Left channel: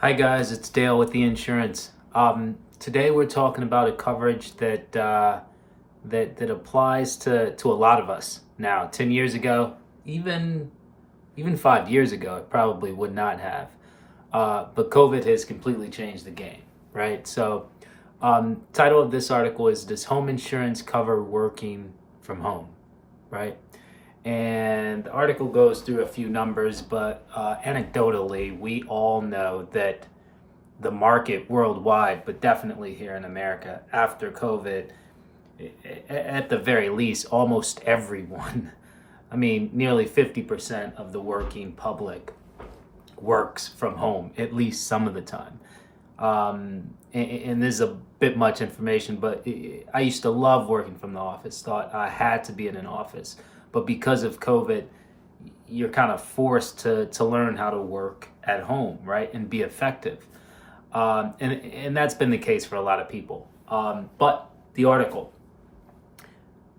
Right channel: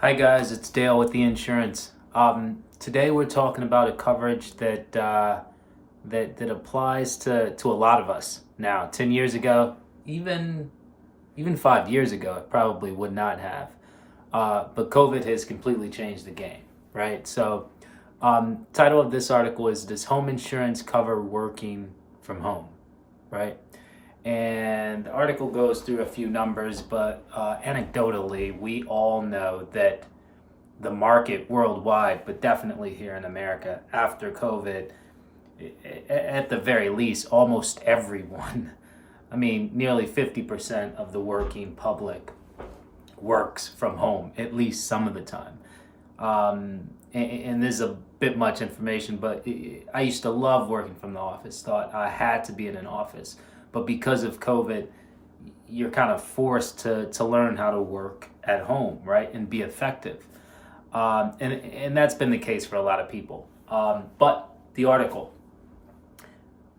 Hi guys, it's Dale with the insurance. Today we're talking about a coverage that applies to a lot of us now. 10 years ago, even 5 years ago, it probably would not have. But COVID has completely changed the game, right? So, title of this article is "Does Home Insurance Cover Working from Home?" Right? And the article goes through a few numbers, but anecdotally, we all know that the market worldwide, but definitely here in America, after COVID, at the very least, almost everyone, I mean, nearly 50% of the working public works from home, at least some of the time. And this is a bit much information, but I used to love working from the office, thought I had to be in an office. But because of COVID, you're kind of forced to learn how to work at home, right? And be effective. And that's been the case for a lot of people. But the article,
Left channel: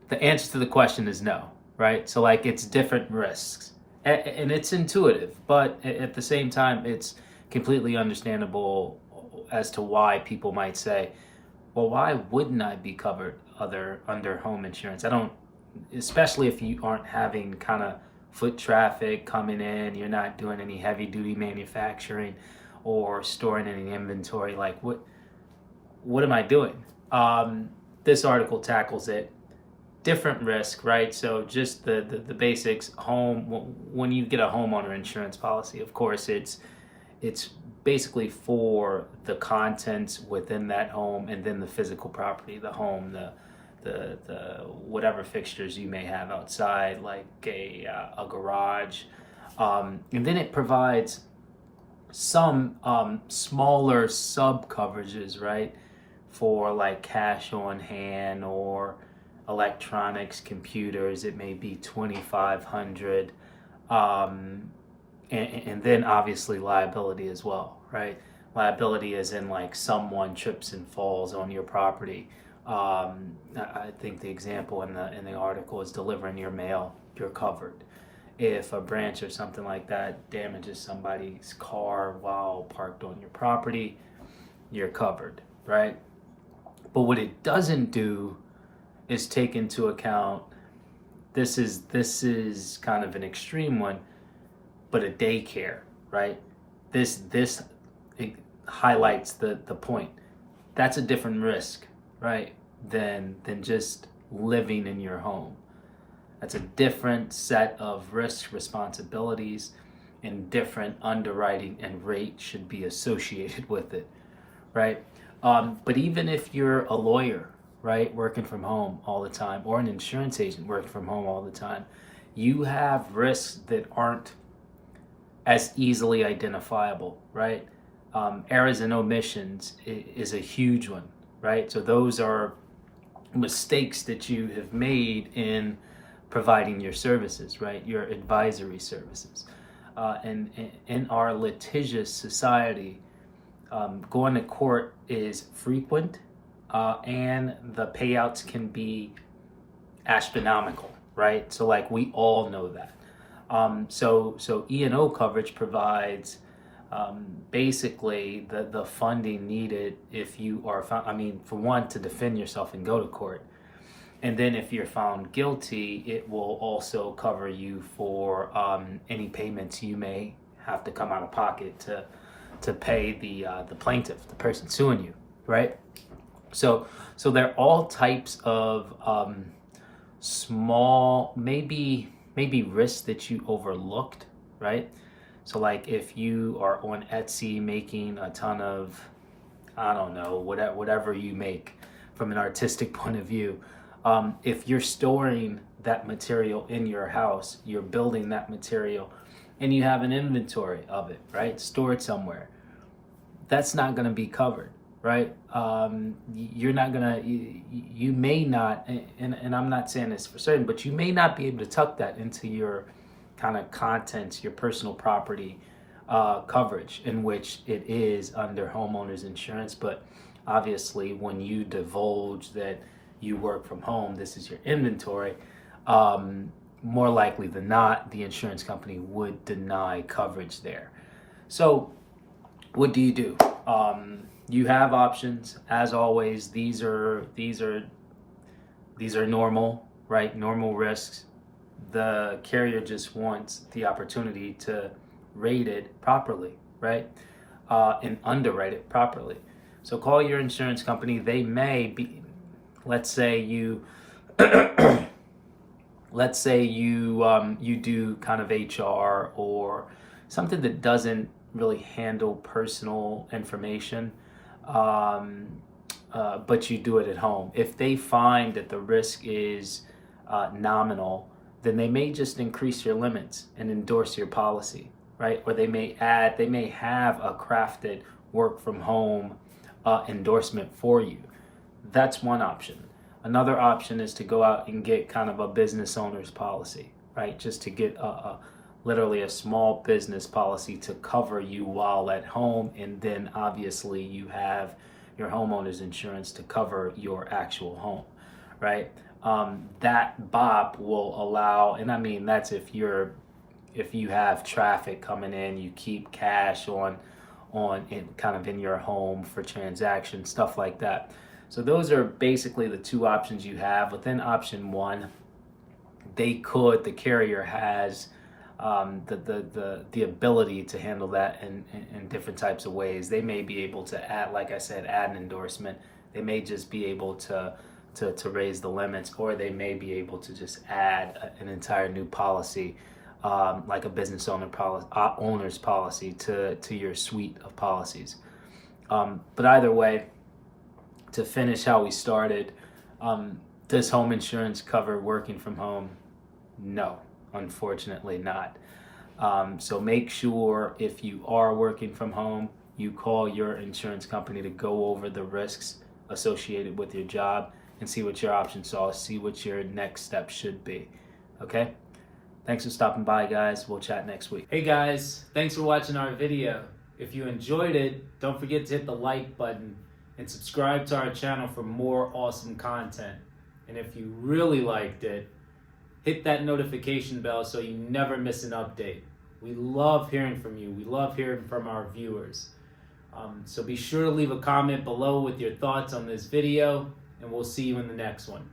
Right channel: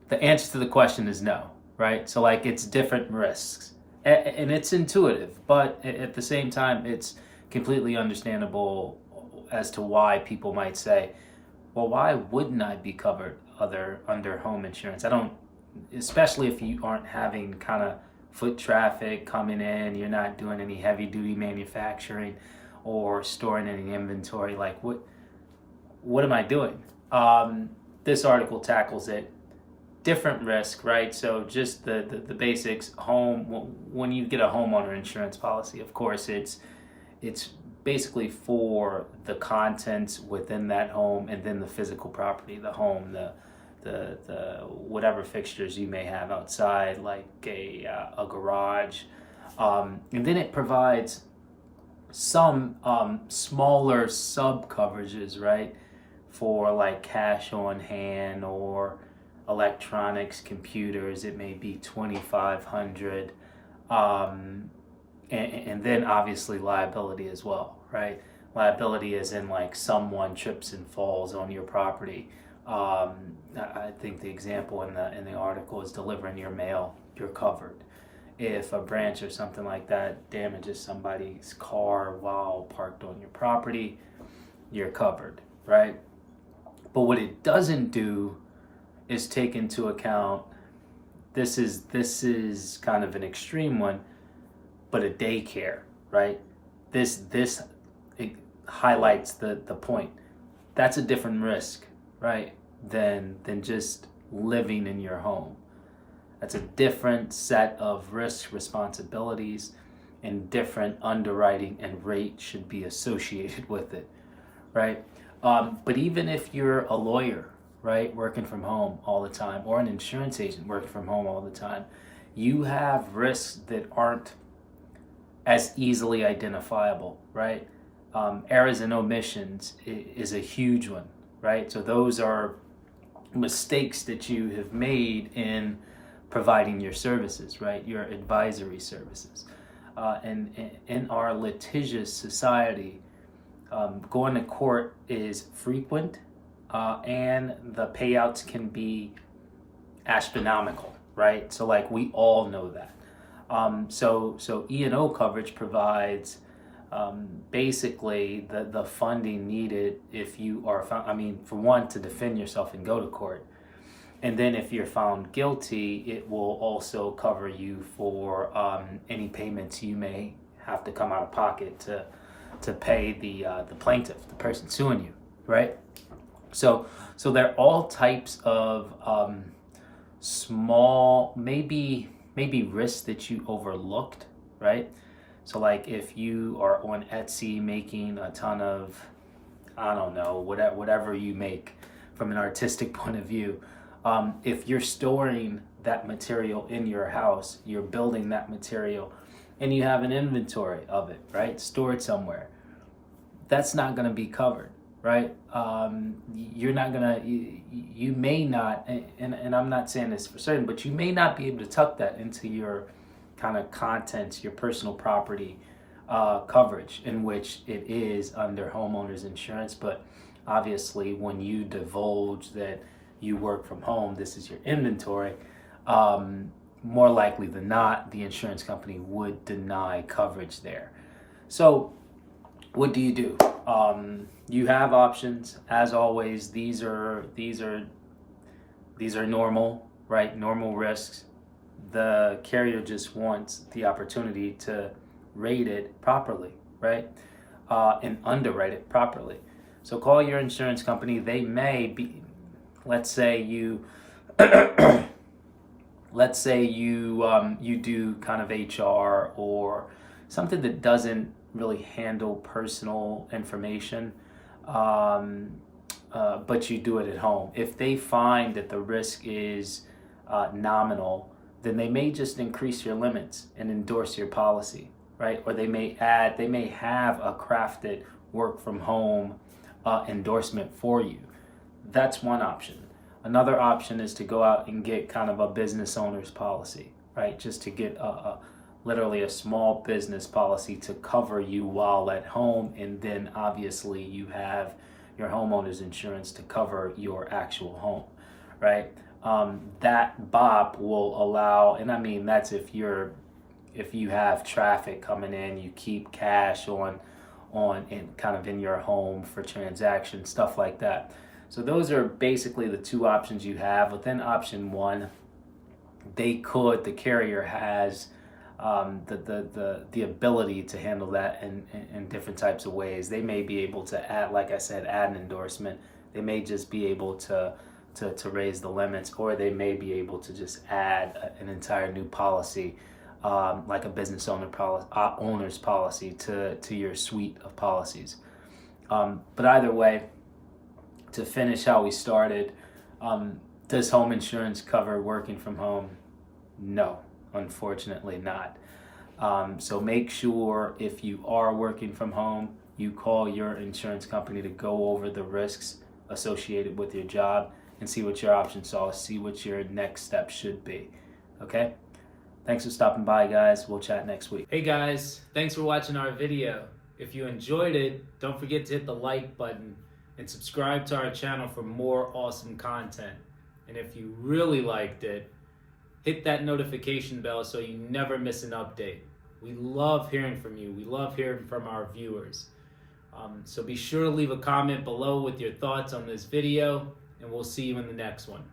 the answer to the question is no, right? So, like, it's different risks. And it's intuitive, but at the same time, it's completely understandable as to why people might say, well, why wouldn't I be covered under home insurance? I don't, especially if you aren't having kind of foot traffic coming in, you're not doing any heavy duty manufacturing or storing any inventory. Like, what am I doing? This article tackles it. Different risk, right? So just the basics. Home, when you get a homeowner insurance policy, of course, it's basically for the contents within that home, and then the physical property, the home, the whatever fixtures you may have outside, like a garage, and then it provides some smaller sub coverages, right, for like cash on hand or electronics, computers. It may be 2,500, and then obviously liability as well, right? Liability is in like someone trips and falls on your property. I think the example in the article is delivering your mail. You're covered. If a branch or something like that damages somebody's car while parked on your property, you're covered, right? But what it doesn't do is take into account, this is kind of an extreme one, but a daycare, right? This it highlights the point. That's a different risk, right? Than just living in your home. That's a different set of risk responsibilities, and different underwriting and rate should be associated with it, right? But even if you're a lawyer, right, working from home all the time, or an insurance agent working from home all the time, you have risks that aren't as easily identifiable, right? Errors and omissions is a huge one, right? So those are mistakes that you have made in providing your services, right? Your advisory services. And in our litigious society, going to court is frequent, and the payouts can be astronomical, right? So, like, we all know that. So E&O coverage provides basically the funding needed if you are found, I mean, for one, to defend yourself and go to court. And then if you're found guilty, it will also cover you for any payments you may have to come out of pocket to pay the plaintiff, the person suing you, right? So there are all types of small, maybe risks that you overlooked, right? So, like, if you are on Etsy making a ton of, I don't know, whatever you make from an artistic point of view, if you're storing that material in your house, you're building that material, and you have an inventory of it, right, stored somewhere, that's not going to be covered, right? You're not going to, you may not, and I'm not saying this for certain, but you may not be able to tuck that into your kind of contents, your personal property coverage, in which it is under homeowners insurance. But obviously, when you divulge that you work from home, this is your inventory, more likely than not, the insurance company would deny coverage there. So what do you do? You have options. As always, these are normal, right? Normal risks. The carrier just wants the opportunity to rate it properly, right? And underwrite it properly. So call your insurance company. They may be, let's say you you do kind of HR or something that doesn't really handle personal information, but you do it at home. If they find that the risk is nominal, then they may just increase your limits and endorse your policy, right? Or they may have a crafted work from home endorsement for you. That's one option. Another option is to go out and get kind of a business owner's policy, right? Just to get literally a small business policy to cover you while at home. And then obviously you have your homeowner's insurance to cover your actual home, right? That BOP will allow, and I mean, that's if you have traffic coming in, you keep cash on kind of in your home for transactions, stuff like that. So those are basically the two options you have. Within option one, the carrier has the ability to handle that in different types of ways. They may be able to add, like I said, add an endorsement. They may just be able to raise the limits, or they may be able to just add an entire new policy, like a business owner's policy to your suite of policies. But either way, to finish how we started, does home insurance cover working from home? No, unfortunately not. So make sure if you are working from home, you call your insurance company to go over the risks associated with your job and see what your options are, see what your next step should be. Okay? Thanks for stopping by, guys. We'll chat next week. Hey guys, thanks for watching our video. If you enjoyed it, don't forget to hit the like button and subscribe to our channel for more awesome content. And if you really liked it, hit that notification bell so you never miss an update. We love hearing from you. We love hearing from our viewers. So be sure to leave a comment below with your thoughts on this video, and we'll see you in the next one.